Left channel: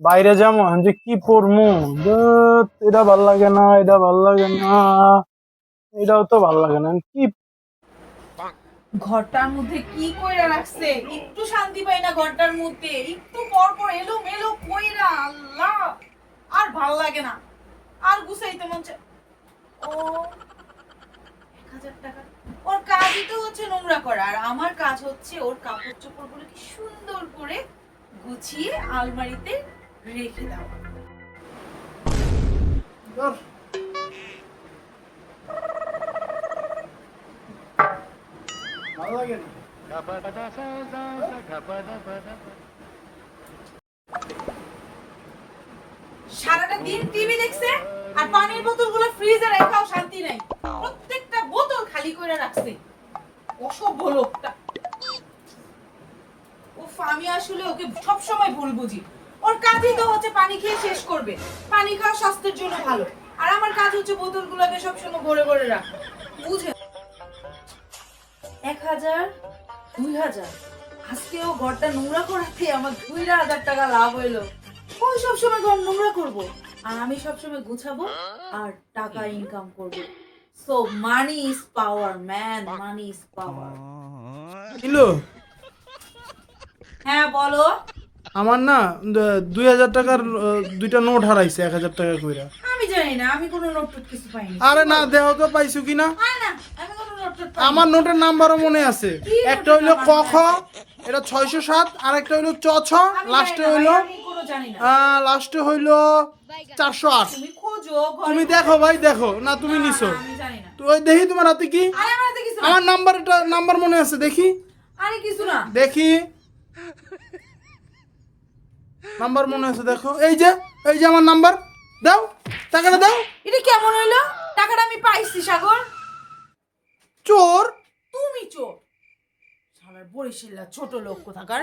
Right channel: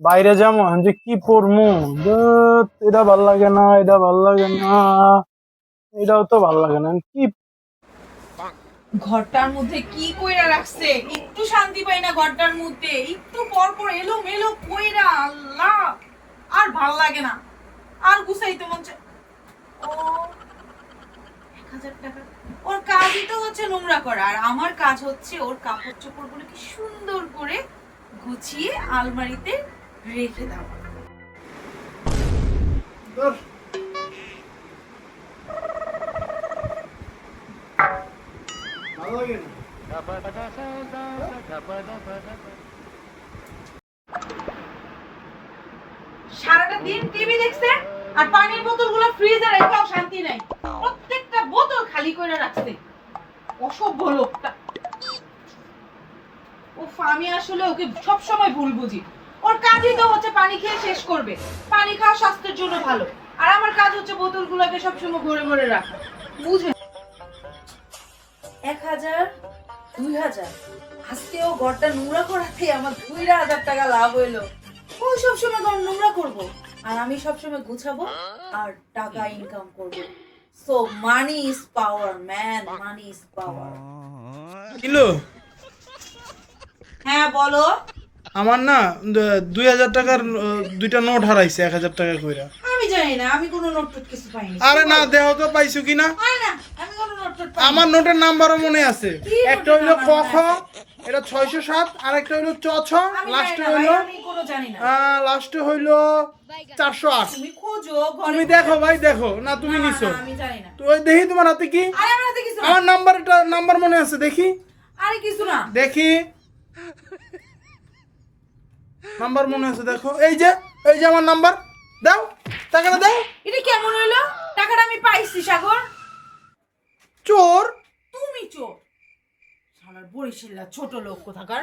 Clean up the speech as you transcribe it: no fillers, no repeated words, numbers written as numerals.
বাইরে যাবো যে কি পরমু, ধুৎ, এটা ভাল লাগে না, এটা ভাল লাগে না, এটাও তো ভাল লাগে না কি। ঘরটার মধ্যে কি কইরা রাখছে, একটু শান্তি পাই না ঘরটার মধ্যে, একটু পর পর এলো মেলো কইরা, আল্লাহ আর ভাল লাগে না, আর গুছাইতে মন চায়। ও 1000 টাকা, ওর কাজই তো হচ্ছে নোংরা করা, আর আমার কাজ হচ্ছে ওর কাপড় চোপড় গুলো কি সুন্দর করে গুছিয়ে আলমারিতে রেখে দেওয়া। ভালো লাগে না। সারাটা দিন টিভি দেখছে আর পানির বোতলগুলো ফ্রিজে রেখেও শান্তি নাই, প্রত্যেকটা বোতল খালি করে রাখছে, অসভ্য লোকটা। আমি আসলে ওকে সব সময় ভুল বুঝি। ওর কাজই তো হচ্ছে পানি খেয়ে শেষ করবে, পানি খাওয়া স্বাস্থ্যের জন্য ভালো, আর আমার কাজ হচ্ছে বোতলগুলোকে সবসময় ভরে ভরে রাখা, বুঝে। 1000, 2000, আজকেও ঘরটা নোংরা করাতে আমার 2000 টাকা লাভ হইলো। ওই সবসময় ঘর নোংরা করবো আর আমি সবসময় গুছাবো আর টাকা ইনকাম করবো। So money is power man, money is power. Kilo হ্যাঁ বলো। আমার না 2000 টাকার দুইটা নোট হারাইছে, 1000 টাকা কইরা। আমি জানি না, আমি কোনো নোট টোট কিছু পাইনি। আরে না, দেহ তো পাইছো কিনা। না, আমি কোনো নোট টোট পাইনি। আমার নোটের নাম্বারও মনে আছে, কি একটা নোটের হইলো ক নাম্বার খ, মনে আছে? এটা 607, আর একটা হইলো চ ছ, আমি লাস্টে জানি না হইলো ভাই, আমি কোনো জানি না। লাস্টে হইলো 408। তুমি খোঁজো ঘরে। তুমি দেখো ভাই, দেখো না, তুমি না, নিছো আমি জানি না। তো ওই দেখি তোমার হাতে কি। আরে আমার হাতে কিছু না। আমার নাম্বার মনে আছে, দেখি আরে কিছু না। দেখি নাম্বার মনে আছে, দেখো এই যে আমার নাম্বার, দাও টাকাটা দাও। এটা কেমন হইলো? টাকাটা আমি পাইছি সাগর। চোর। তুমি চোর। আমার বরিশালা ছোট লোক কোথাকার।